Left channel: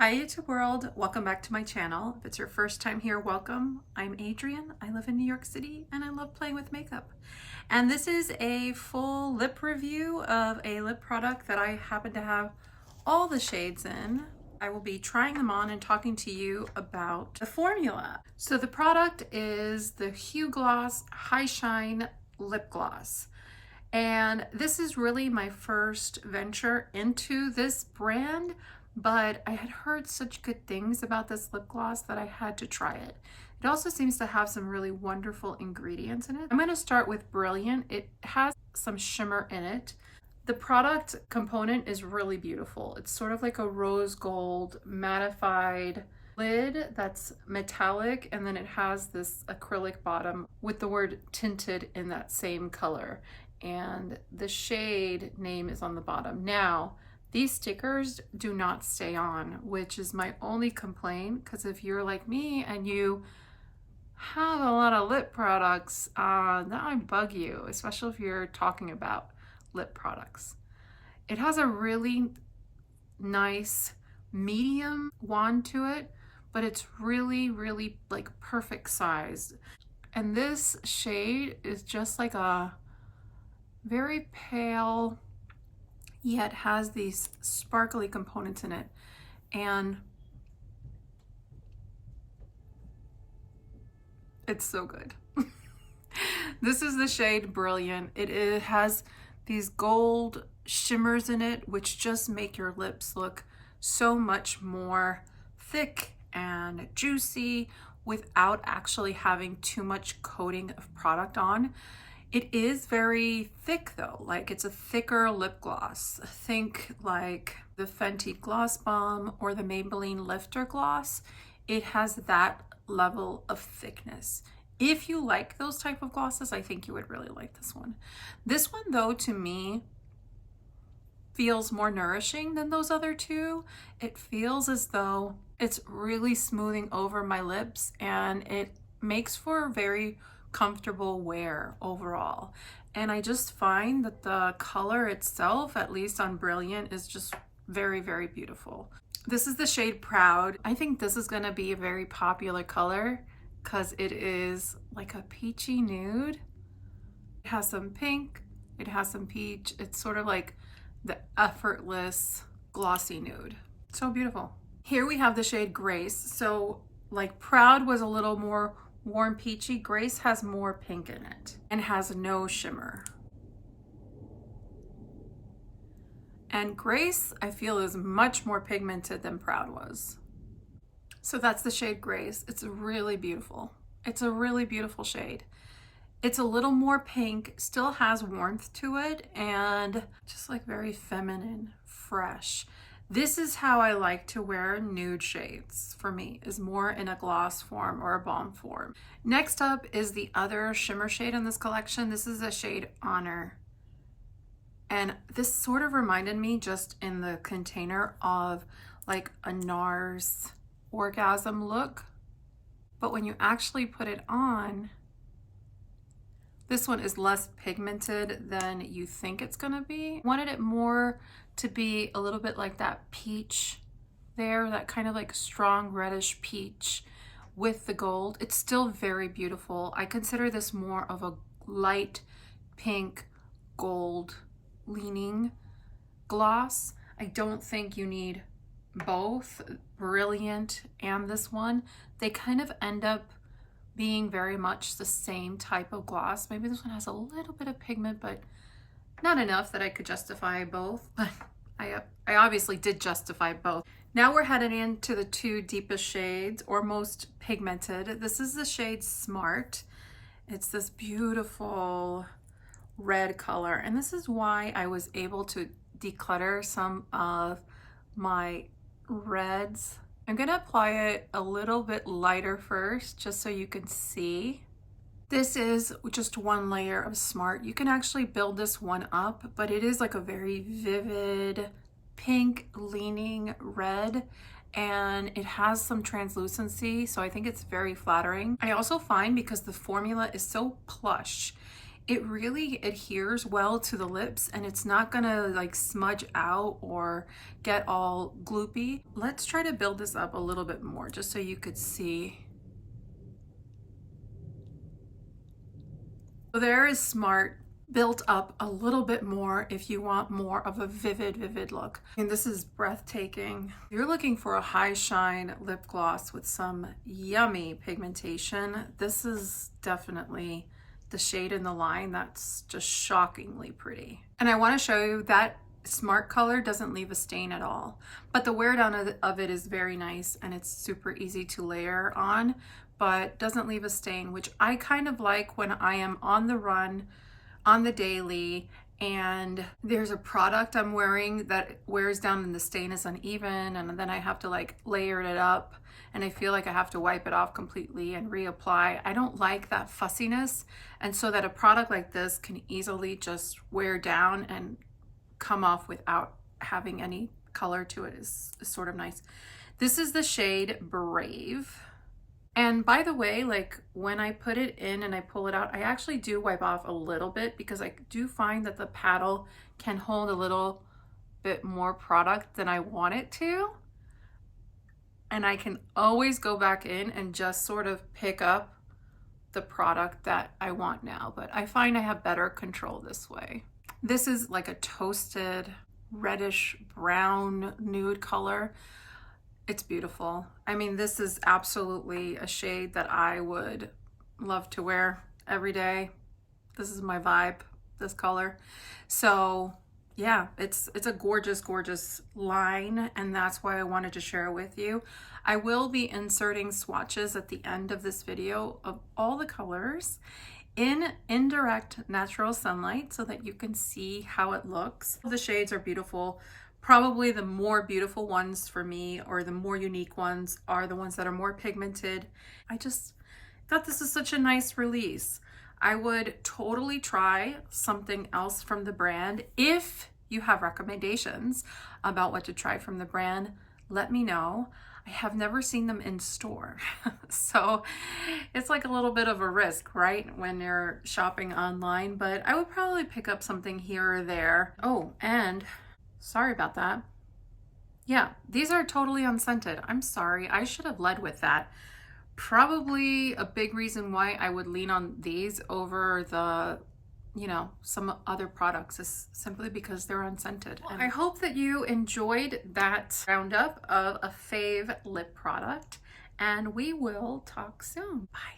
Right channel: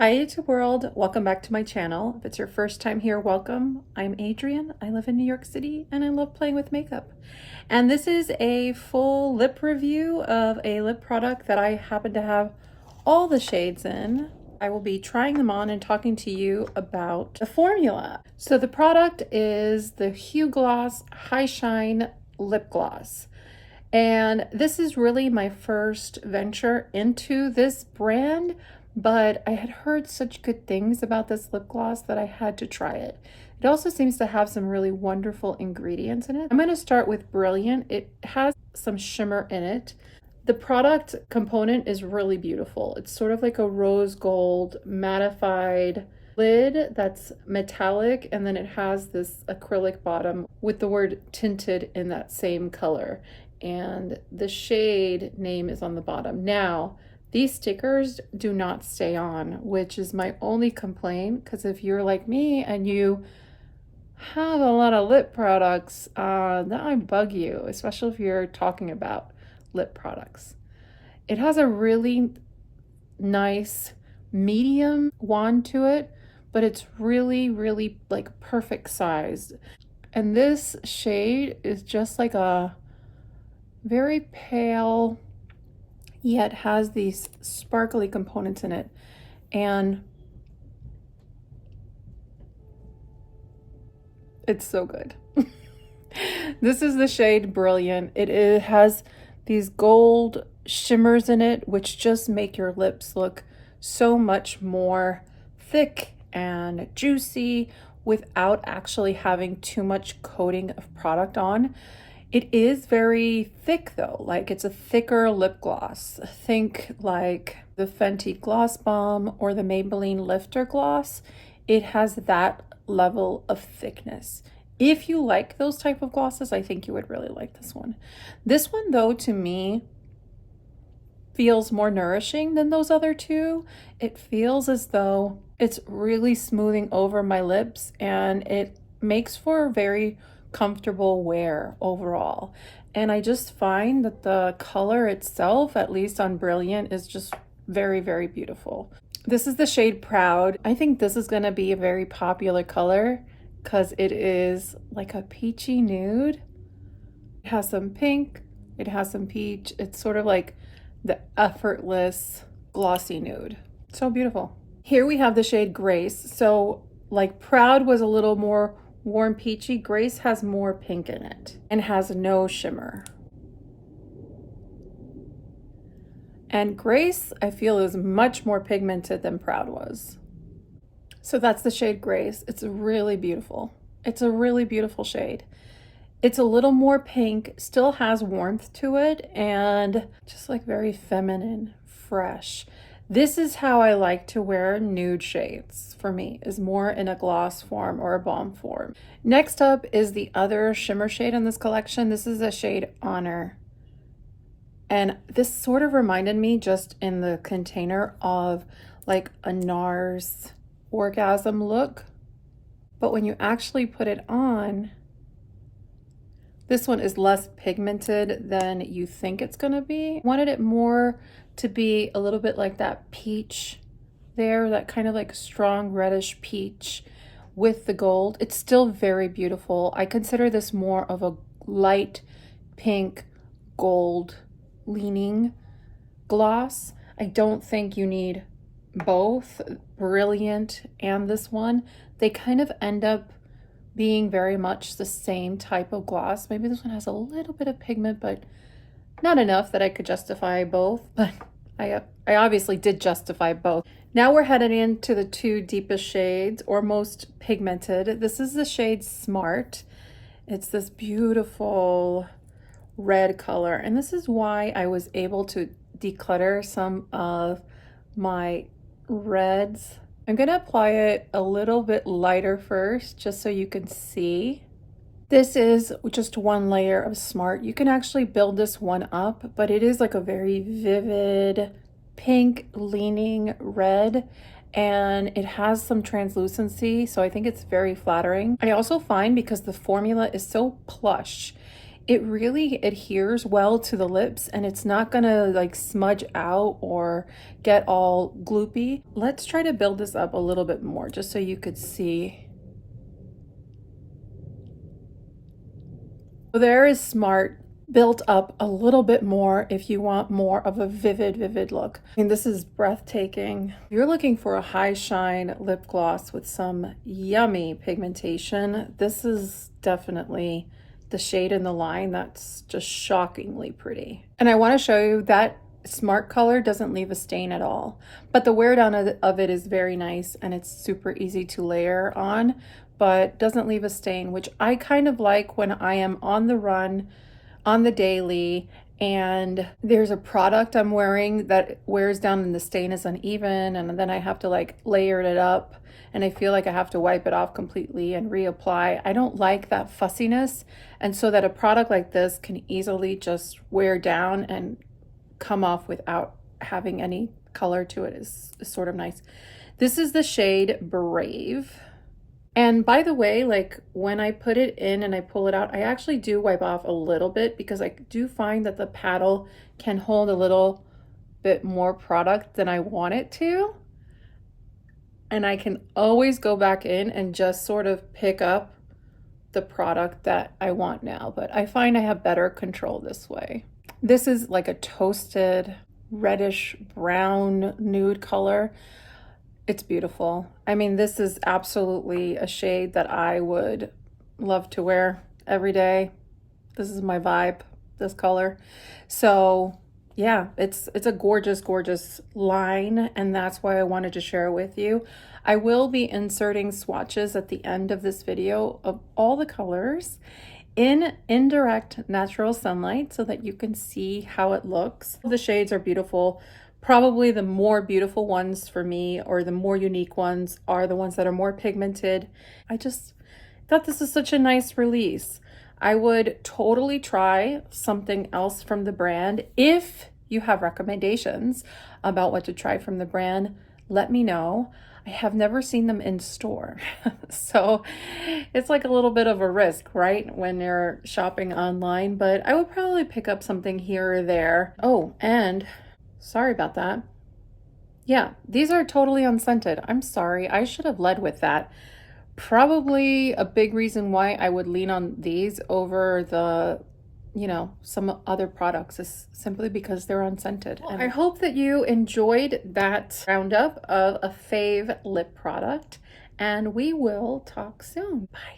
Hi YouTube world, welcome back to my channel. If it's your first time here, welcome. I'm Adrienne, I live in New York City and I love playing with makeup. And this is a full lip review of a lip product that I happen to have all the shades in. I will be trying them on and talking to you about the formula. So the product is the Huegloss High Shine Lip Gloss. And this is really my first venture into this brand, but I had heard such good things about this lip gloss that I had to try it. It also seems to have some really wonderful ingredients in it. I'm going to start with Brilliant. It has some shimmer in it. The product component is really beautiful. It's sort of like a rose gold mattified lid that's metallic, and then it has this acrylic bottom with the word Tinted in that same color. And the shade name is on the bottom. Now, these stickers do not stay on, which is my only complaint, because if you're like me and you have a lot of lip products, that might bug you, especially if you're talking about lip products. It has a really nice medium wand to it, but it's really like perfect size. And this shade is just like a very pale, yet has these sparkly components in it. And it's so good. This is the shade Brilliant. It has these gold shimmers in it, which just make your lips look so much more thick and juicy without actually having too much coating of product on. It is very thick though, like it's a thicker lip gloss. Think like the Fenty Gloss Bomb or the Maybelline Lifter Gloss. It has that level of thickness. If you like those type of glosses, I think you would really like this one. This one though, to me, feels more nourishing than those other two. It feels as though it's really smoothing over my lips, and it makes for a very comfortable wear overall. And I just find that the color itself, at least on Brilliant, is just very beautiful. This is the shade Proud. I think this is going to be a very popular color because it is like a peachy nude. It has some pink, it has some peach. It's sort of like the effortless glossy nude. So beautiful. Here we have the shade Grace. So like Proud was a little more warm peachy, Grace has more pink in it and has no shimmer. And Grace, I feel, is much more pigmented than Proud was. So that's the shade Grace. It's really beautiful. It's a really beautiful shade. It's a little more pink, still has warmth to it, and just like very feminine, fresh. This is how I like to wear nude shades for me, is more in a gloss form or a balm form. Next up is the other shimmer shade in this collection. This is a shade Honor. And this sort of reminded me, just in the container, of like a NARS Orgasm look. But when you actually put it on, this one is less pigmented than you think it's gonna be. I wanted it more to be a little bit like that peach there, that kind of like strong reddish peach with the gold. It's still very beautiful. I consider this more of a light pink gold leaning gloss. I don't think you need both Brilliant and this one. They kind of end up being very much the same type of gloss. Maybe this one has a little bit of pigment, but not enough that I could justify both, but I obviously did justify both. Now we're headed into the two deepest shades, or most pigmented. This is the shade Smart. It's this beautiful red color, and this is why I was able to declutter some of my reds. I'm gonna apply it a little bit lighter first, just so you can see. This is just one layer of Smart. You can actually build this one up, but it is like a very vivid pink leaning red, and it has some translucency, so I think it's very flattering. I also find, because the formula is so plush, it really adheres well to the lips and it's not gonna like smudge out or get all gloopy. Let's try to build this up a little bit more just so you could see. So there is Smart built up a little bit more if you want more of a vivid look. I mean, this is breathtaking. If you're looking for a high shine lip gloss with some yummy pigmentation, this is definitely the shade in the line that's just shockingly pretty. And I want to show you that Smart color doesn't leave a stain at all, but the wear down of it is very nice and it's super easy to layer on, but doesn't leave a stain, which I kind of like when I am on the run, on the daily, and there's a product I'm wearing that wears down and the stain is uneven, and then I have to like layer it up and I feel like I have to wipe it off completely and reapply. I don't like that fussiness, and so that a product like this can easily just wear down and come off without having any color to it is sort of nice. This is the shade Brave. And by the way, like when I put it in and I pull it out, I actually do wipe off a little bit because I do find that the paddle can hold a little bit more product than I want it to. And I can always go back in and just sort of pick up the product that I want now. But I find I have better control this way. This is like a toasted reddish brown nude color. It's beautiful. I mean, this is absolutely a shade that I would love to wear every day. This is my vibe, this color. So yeah, it's a gorgeous line, and that's why I wanted to share it with you. I will be inserting swatches at the end of this video of all the colors in indirect natural sunlight so that you can see how it looks. The shades are beautiful. Probably the more beautiful ones for me, or the more unique ones, are the ones that are more pigmented. I just thought this is such a nice release. I would totally try something else from the brand. If you have recommendations about what to try from the brand, let me know. I have never seen them in store. So it's like a little bit of a risk, right? When you're shopping online, but I would probably pick up something here or there. Oh, and sorry about that. Yeah, these are totally unscented. I'm sorry, I should have led with that. Probably a big reason why I would lean on these over the, some other products is simply because they're unscented. Well, and I hope that you enjoyed that roundup of a fave lip product, and we will talk soon. Bye.